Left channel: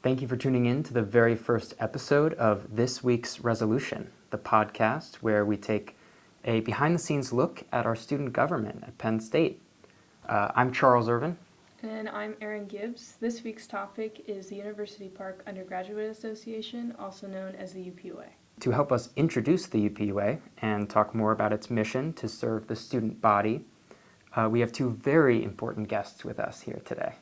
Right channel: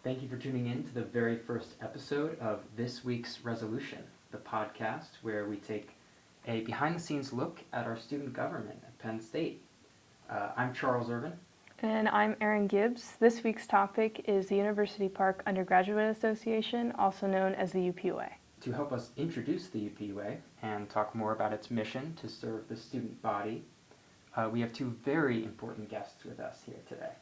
Thank you for tuning in to the very first episode of This Week's Resolution, the podcast where we take a behind-the-scenes look at our student government at Penn State. I'm Charles Irvin. And I'm Erin Gibbs. This week's topic is the University Park Undergraduate Association, also known as the UPUA. To help us introduce the UPUA and talk more about its mission to serve the student body, we have two very important guests with us here today.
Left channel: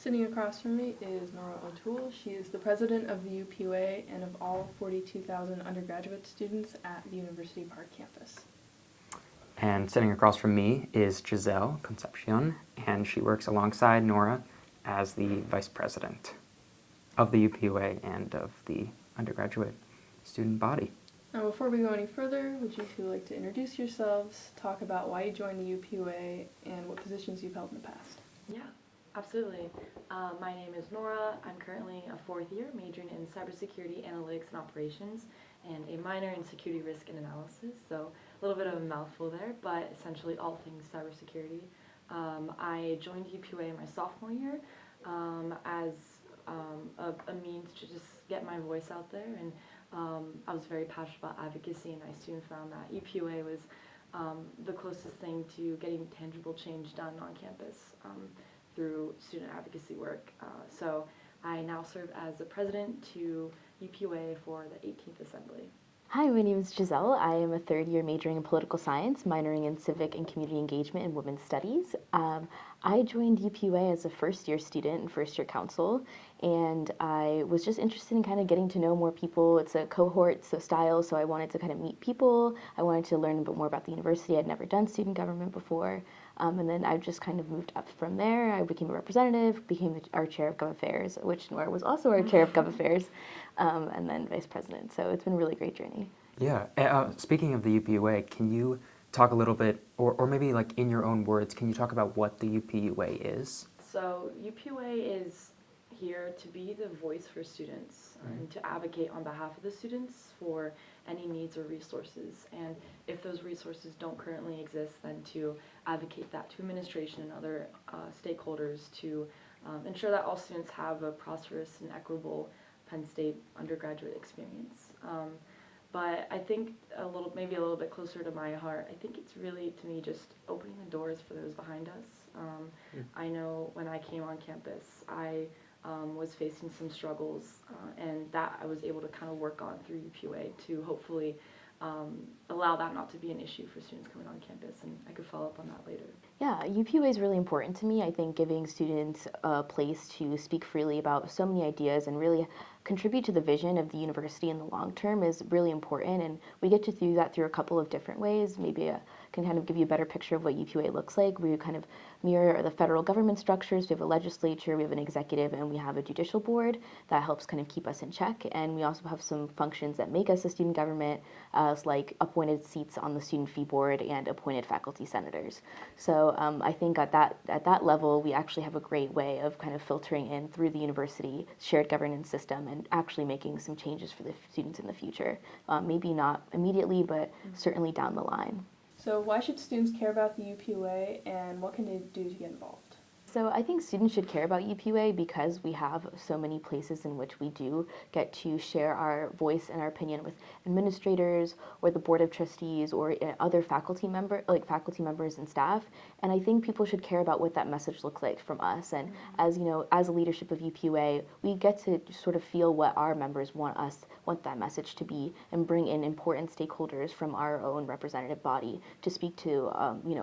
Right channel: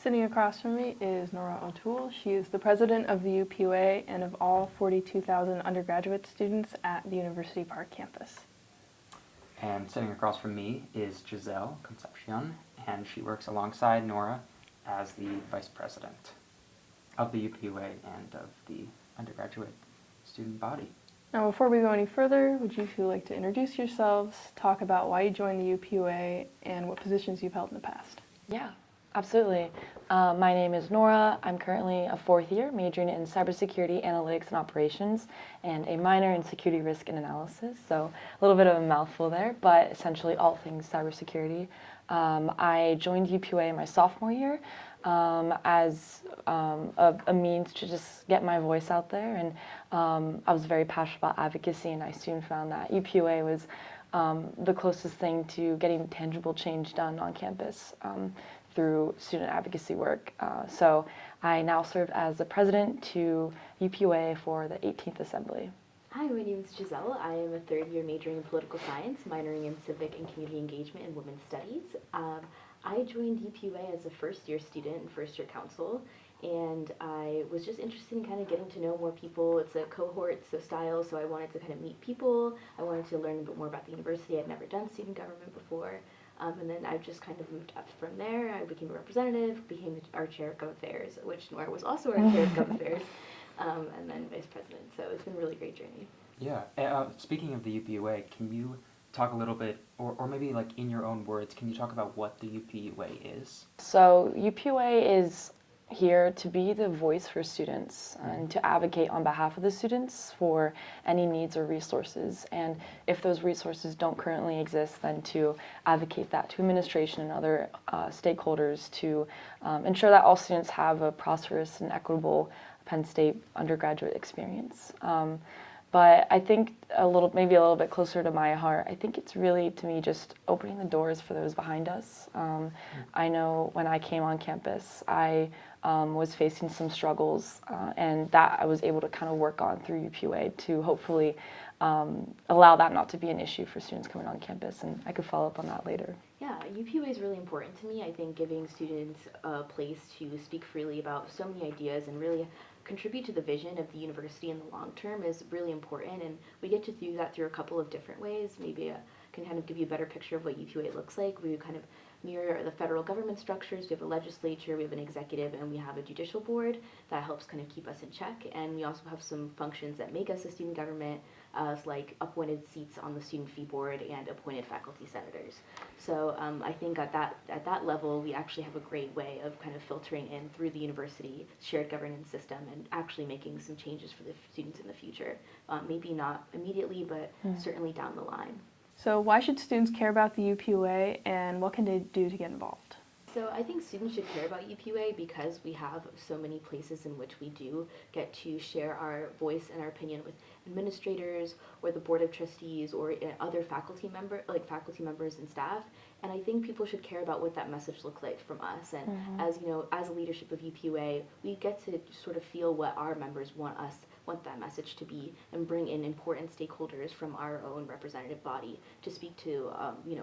Sitting across from me is Nora O'Toole. She is the president of the UPUA and of all 42,000 undergraduate students at the University Park campus. And sitting across from me is Giselle Concepcion, and she works alongside Nora as the vice president of the UPUA and of the undergraduate student body. Now, before we go any further, would you two like to introduce yourselves, talk about why you joined the UPUA, and what positions you've held in the past? Yeah, absolutely. My name is Nora. I'm currently a fourth year, majoring in cybersecurity, analytics, and operations, and a minor in security risk and analysis. So a little bit of a mouthful there, but essentially all things cybersecurity. I joined UPUA in my sophomore year as a means to just get my voice out there, and I was very passionate about advocacy, and I soon found that UPUA was the closest thing to getting tangible change done on campus through student advocacy work. So I now serve as the president to UPUA for the 18th Assembly. Hi, my name is Giselle. I am a third year majoring in political science, minoring in civic and community engagement and women's studies. I joined UPUA as a first year student and first year council, and I was just interested in kind of getting to know more people. It's a cohort style, so I wanted to kind of meet people. I wanted to learn a bit more about the university. I'd never done student government before. And then I just kind of moved up from there. I became a representative, became our chair of Gov Affairs, which Nora was also our chair of Gov Affairs, and then vice president. So it's been a really great journey. Yeah. Speaking of the UPUA, can you talk a little bit, or maybe like in your own words, can you talk about what the UPUA is? So UPUA is here to be the voice for students and to advocate on behalf of the students for any needs or resources. And if those resources don't currently exist, then to advocate that to administration and other stakeholders to ensure that all students have a prosperous and equitable Penn State undergraduate experience. But I think maybe a little bit closer to my heart, I think it's really, to me, just opening the doors for those behind us. I know when I came on campus, I was facing some struggles, and that I was able to kind of work on through UPUA to hopefully allow that not to be an issue for students coming on campus, and I could follow up on that later. Yeah, UPUA is really important to me. I think giving students a place to speak freely about so many ideas and really contribute to the vision of the university in the long term is really important, and we get to do that through a couple of different ways. Maybe I can kind of give you a better picture of what UPUA looks like. We kind of mirror the federal government structures. We have a legislature, we have an executive, and we have a judicial board that helps kind of keep us in check. And we also have some functions that make us a student government, like appointed seats on the student fee board and appointed faculty senators. So I think at that level, we actually have a great way of kind of filtering in through the university shared governance system and actually making some changes for the students in the future. Maybe not immediately, but certainly down the line. So why should students care about the UPUA, and what can they do to get involved? So I think students should care about UPUA because we have so many places in which we do get to share our voice and our opinion with administrators or the board of trustees or other faculty members and staff. And I think people should care about what that message looks like from us. And as you know, as a leadership of UPUA, we get to sort of feel what our members want that message to be, and bring in important stakeholders from our own representative body to speak to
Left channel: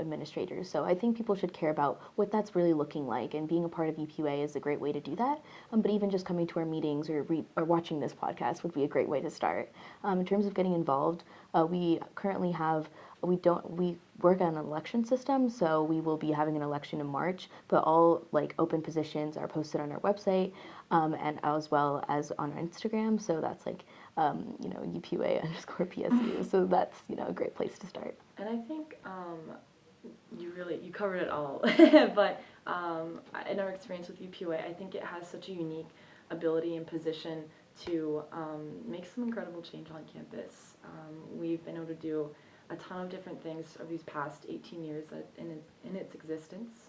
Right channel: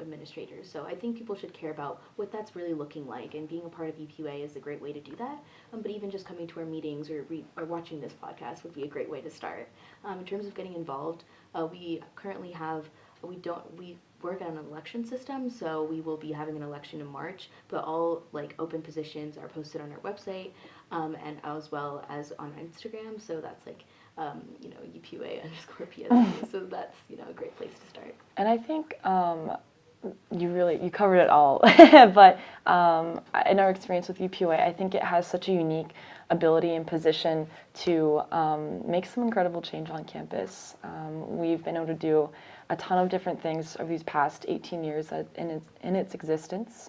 administrators. So I think people should care about what that's really looking like, and being a part of UPUA is a great way to do that. But even just coming to our meetings or watching this podcast would be a great way to start. In terms of getting involved, we currently we work on an election system, so we will be having an election in March, but all open positions are posted on our website, and as well as on Instagram. So that's UPUA_PSU. So that's a great place to start. And I think you covered it all. But in our experience with UPUA, I think it has such a unique ability and position to make some incredible change on campus. We've been able to do a ton of different things over these past 18 years in its existence.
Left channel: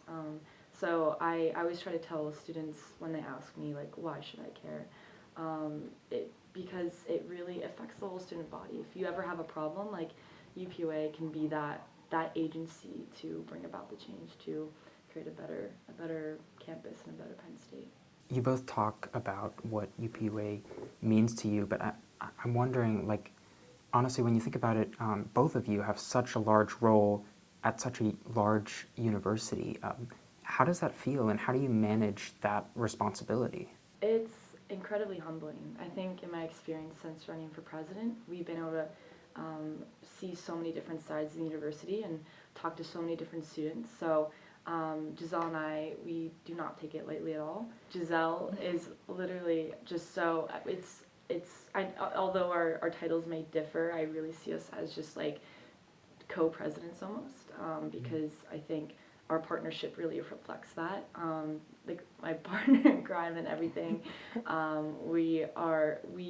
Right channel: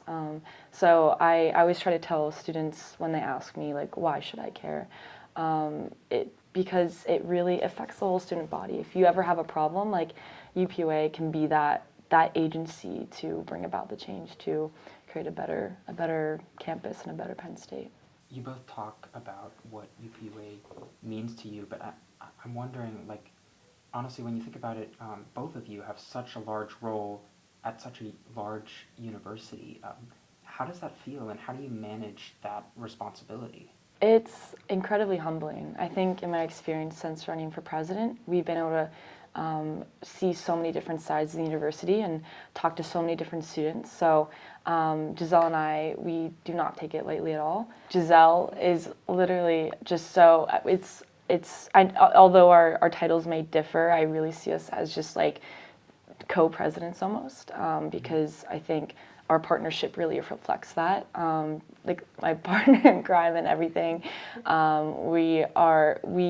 So I always try to tell students when they ask me, like, why should I care? Because it really affects the whole student body. If you ever have a problem, like, UPUA can be that agency to bring about the change, to create a better campus and a better Penn State. You both talk about what UPUA means to you, but I'm wondering, like, honestly, when you think about it, both of you have such a large role at such a large university. How does that feel, and how do you manage that responsibility? It's incredibly humbling. I think in my experience since running for president, we've been able to see so many different sides of the university and talk to so many different students. So Giselle and I, we do not take it lightly at all. Giselle is literally just so, although our titles may differ, I really see us as just like co-presidents almost, because I think our partnership really reflects that. Like my partner in crime and everything, we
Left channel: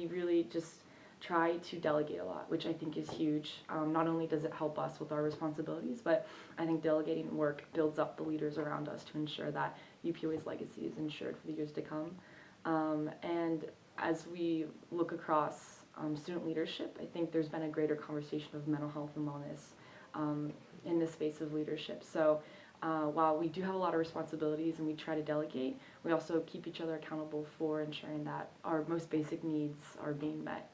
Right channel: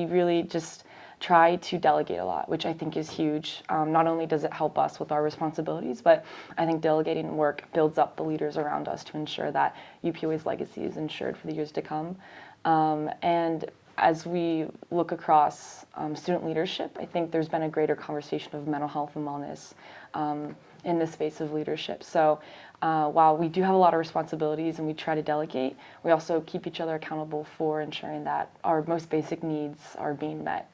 really just try to delegate a lot, which I think is huge. Not only does it help us with our responsibilities, but I think delegating work builds up the leaders around us to ensure that UPUA's legacy is ensured for the years to come. And as we look across student leadership, I think there's been a greater conversation of mental health and wellness in the space of leadership. So while we do have a lot of responsibilities and we try to delegate, we also keep each other accountable for ensuring that our most basic needs are being met,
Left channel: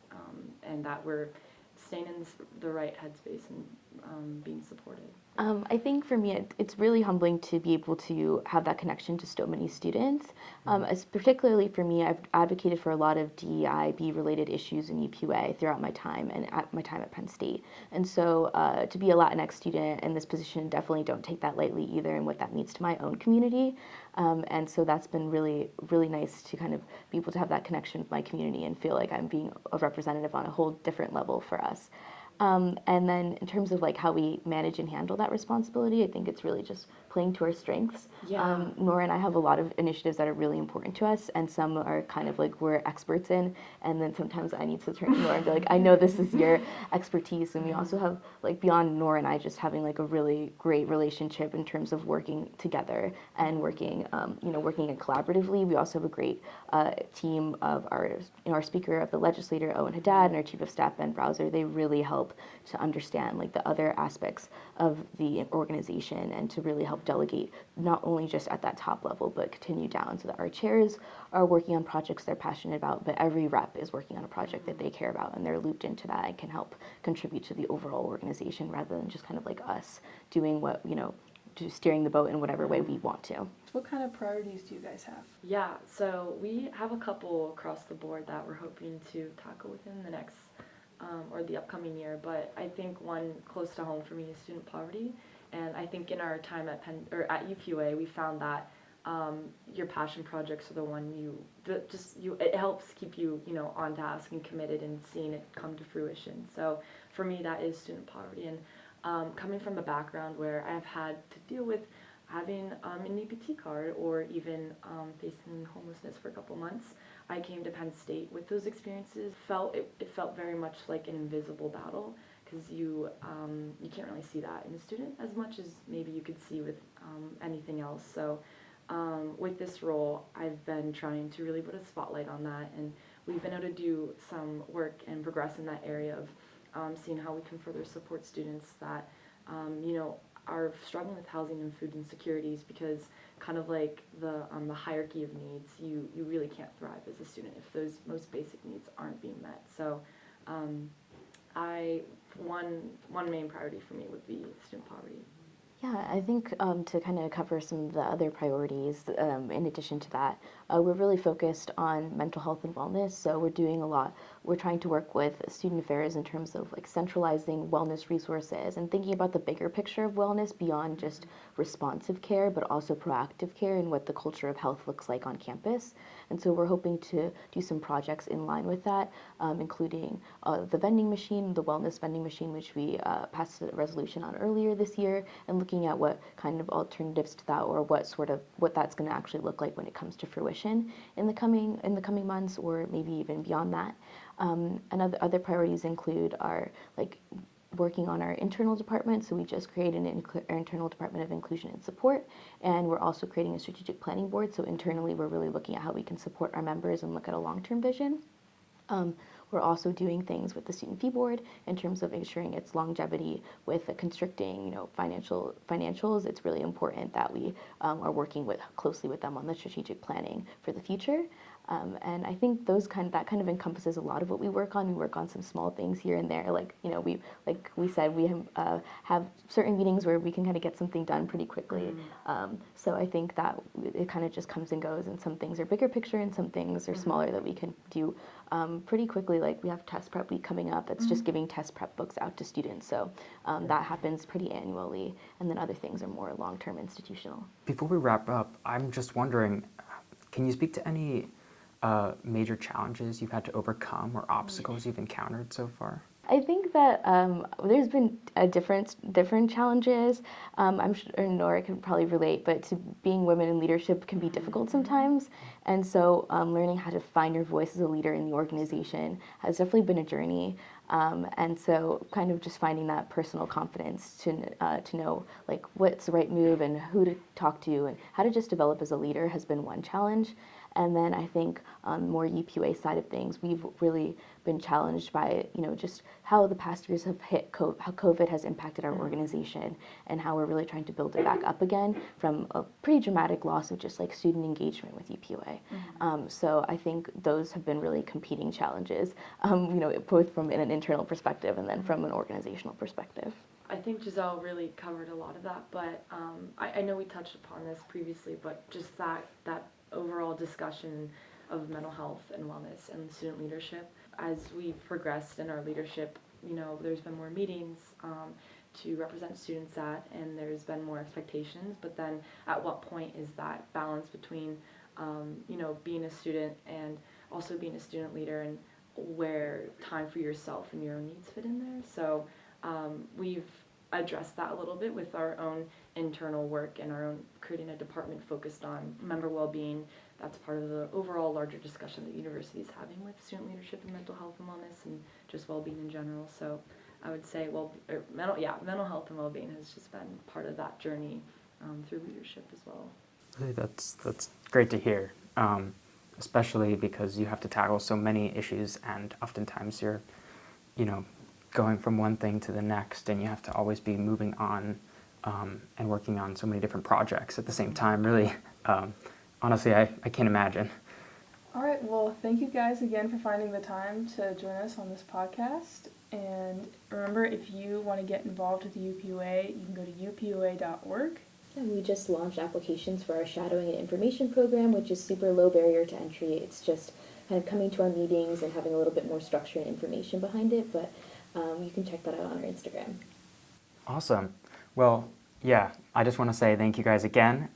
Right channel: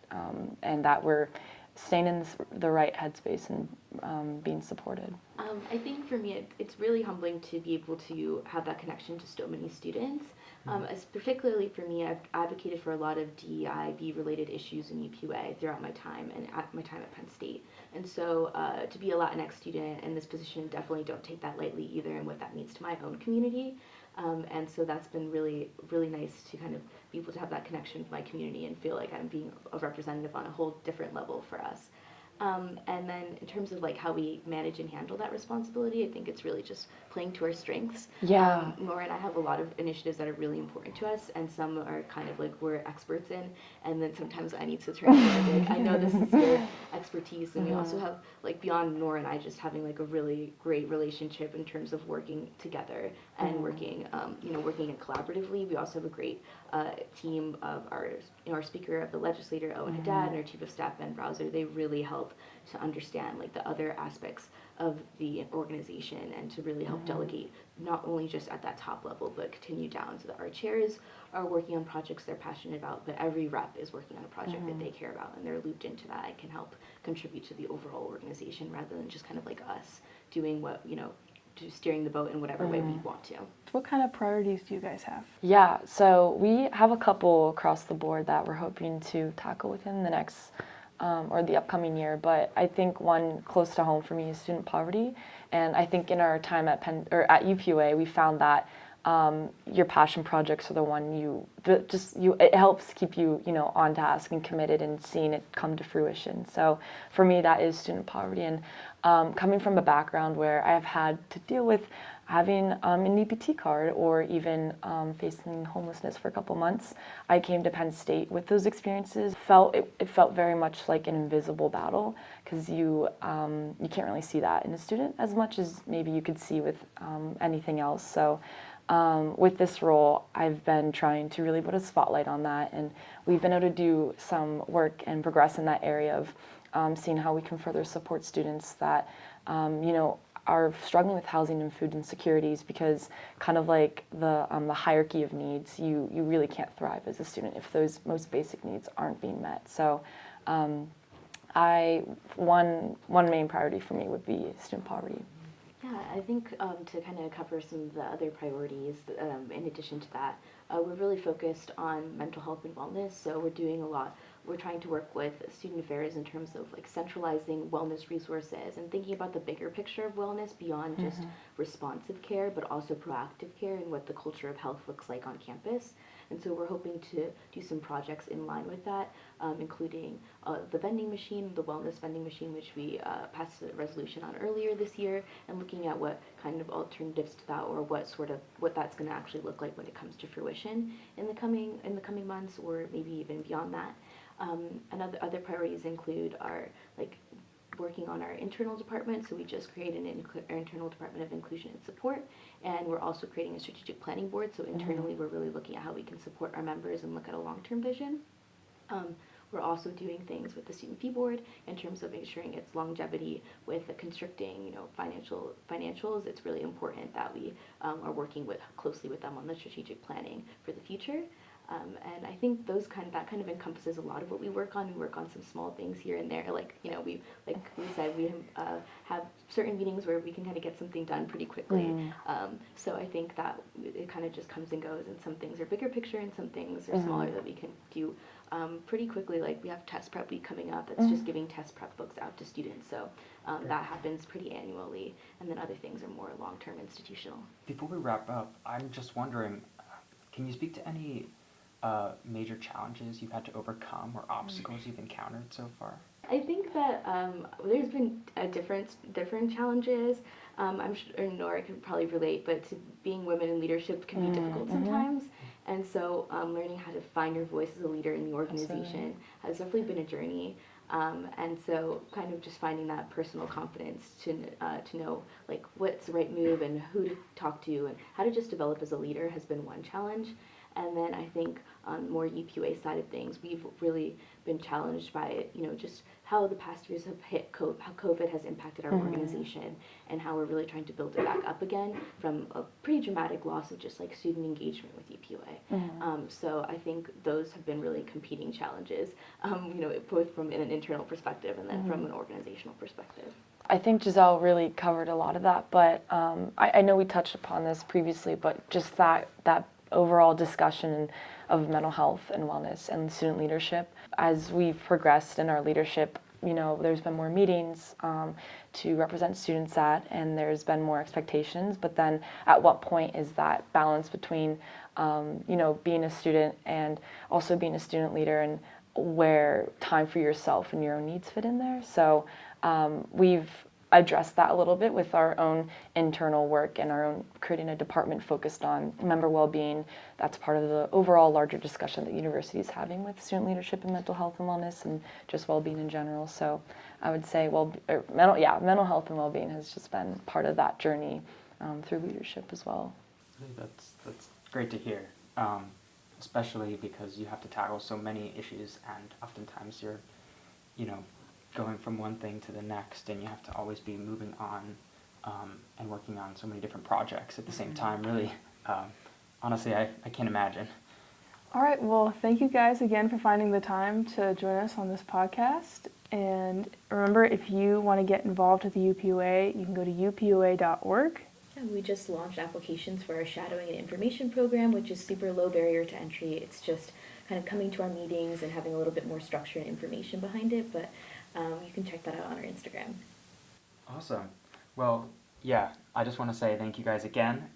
and that we're staying in the right headspace and being supported. I think for me, it's really humbling to be able to have that connection to so many students. As particularly for me, I've advocated for a lot of DEIB-related issues in UPUA throughout my time and at my time at Penn State. And so to be a Latinx student in this position, definitely don't take that lightly either, and what that means to my own community. And so that's been really, really nice to kind of be able to have that connection with my community and feel like I'm being a representative on a whole different level for us. And then in terms of like how we manage and handle that responsibility, I think it's really just playing to our strengths. Yeah. Nora and I have a lot of initiatives that are really important to us, and some are kind of like we're experts in, and then sometimes I need to turn to her and be like, I know this is your expertise. And we also have, like, beyond Nora and I just having like a really great relationship in terms of working together and working it collaboratively. We also have a great team of our Speaker of the Legislature, Owen Haddad, and our Chief of Staff, Ben Browser. They really help to understand like the other aspects of the organization and to really help delegate, not only just at that top level, but continue down, so that our chairs are working on projects they're passionate about, but every rep is working on a project that they care about, and they're looped into that and can help contribute to the overall organization rather than just kind of like us doing what, just steering the boat in whatever way we want to. What kind of priorities do you guys have? Yeah, so we have a couple across the board that we're hoping to tackle within the next or the upcoming year, but I think one close to home for me is student poverty. And I think in our time at at UPUA, we found that your passion projects are the one it helps keep you on task and committed and seeing it come to fruition. So for me, that is student poverty. And coming from a background where I've had to deal with having an EPT card or even facing homelessness for a couple months, I came to Penn State with those experiences. It felt very much like an invisible battle, because you can't really see that in a student as much as maybe you could see with anything else. So with this role, I've been trying to really put a spotlight on that, and we've been able to do some work and progress in that area of seeing how we can further support students that are struggling with housing and food insecurities, because kind of like the hierarchy of needs, you really can't thrive as a student if those most basic needs aren't being met. So one main priority for me would be student poverty. Yeah, I think to kind of cover some of the other priorities, in addition to that, we're really focused on mental health and wellness. So we're doing a lot. We're trying to work with student affairs in terms of like centralizing wellness resources and thinking about the bigger picture of wellness beyond just responsive care, but also proactive care and what the culture of health looks like on campus. And so we're hoping to do some projects in line with that, including the vending machine, the wellness vending machine, which we passed a resolution on earlier this year, and looking at what kind of alternatives to that, or what that's going to actually look like when it comes to fruition in the coming months, or maybe even beyond that. And other priorities include our working on our internal department. So we just created our internal department of inclusion and support, and we're also creating a strategic planning board. So internally, we're really looking at how we can support our members and look at a long-term vision. We're also doing things with the student fee board in terms of ensuring its longevity with the constricting, financials. It's really important that we are working closely with them on the strategic planning for the future. And I think that kind of encompasses a lot of what we work on. We work on some small things here and there, like we said, we have certain meetings where we can kind of get something done pretty quickly. So I think that it kind of just comes and goes, and some things are bigger picture and some things are smaller that we can do pretty quickly. Like we have test prep week coming up. That's just giving test prep books out to students. So that happens pretty annually, and then other things are more long-term institutional. Before we wrap up, I'm just wondering, can you speak to any major challenges you've had to overcome or obstacles you've encountered so far? I think that there's been different challenges. I'm sure Nora can probably relate, but to being women in leadership can be difficult sometimes. And so learning how to find your voice as a leader in the organization has definitely been a journey. And so kind of just finding that personal confidence to know like what's the right move and who to talk to and how to just develop as a leader has been one challenge. And then I think on more UPUA side of things, we've really been challenged by, just how the past years have hit how COVID has impacted our organization, and how we're really trying to build it back up again from a pretty dramatic loss of just like student engagement with UPUA. So I think those have been really competing challenges, both from an internal perspective and then from an organizational perspective. I think Giselle really covered a lot of that, but I know we touched upon this previously, but just that overall discussion of mental health and wellness and student leadership. As we've progressed in our leadership, there's been more meetings to represent students at, and there's been more expectations, but then at what point is that balance between, being a student and also being a student leader, and where time for yourself and your own needs fit in there? So we've addressed that a little bit with our own internal work and our own creating a department focused on member well-being. That's part of the overall larger discussion that the university is having with student leadership and mental health and wellness and just well-being in general. So I would say mental health and well-being has just been part of that journey through leadership as well. That's great to hear, especially because you have to tackle so many issues, and oftentimes you're, going from one thing to the next, and you have to always be moving on and working on so many different projects at the same time. Really, honestly, I can't imagine. All right, well, thank you guys again for finding the time to join us on this podcast. And remember, if you want to get involved with the UPUA, you can go to upua.org. Yeah, we just launched applications for our shadowing and information program, which is super low barrier to entry. It's just kind of coming to our meetings and having a little bit more structure and information behind it, but you can check that out on our Instagram. Awesome. Well, yeah, I just want to say thank you guys again.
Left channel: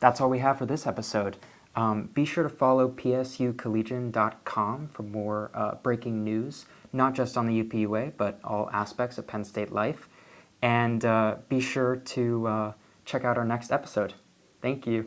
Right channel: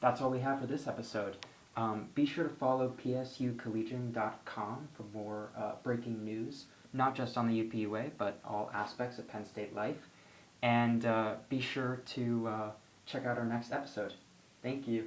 That's all we have for this episode. Be sure to follow psucollegian.com for more breaking news, not just on the UPUA, but all aspects of Penn State life. And be sure to check out our next episode. Thank you.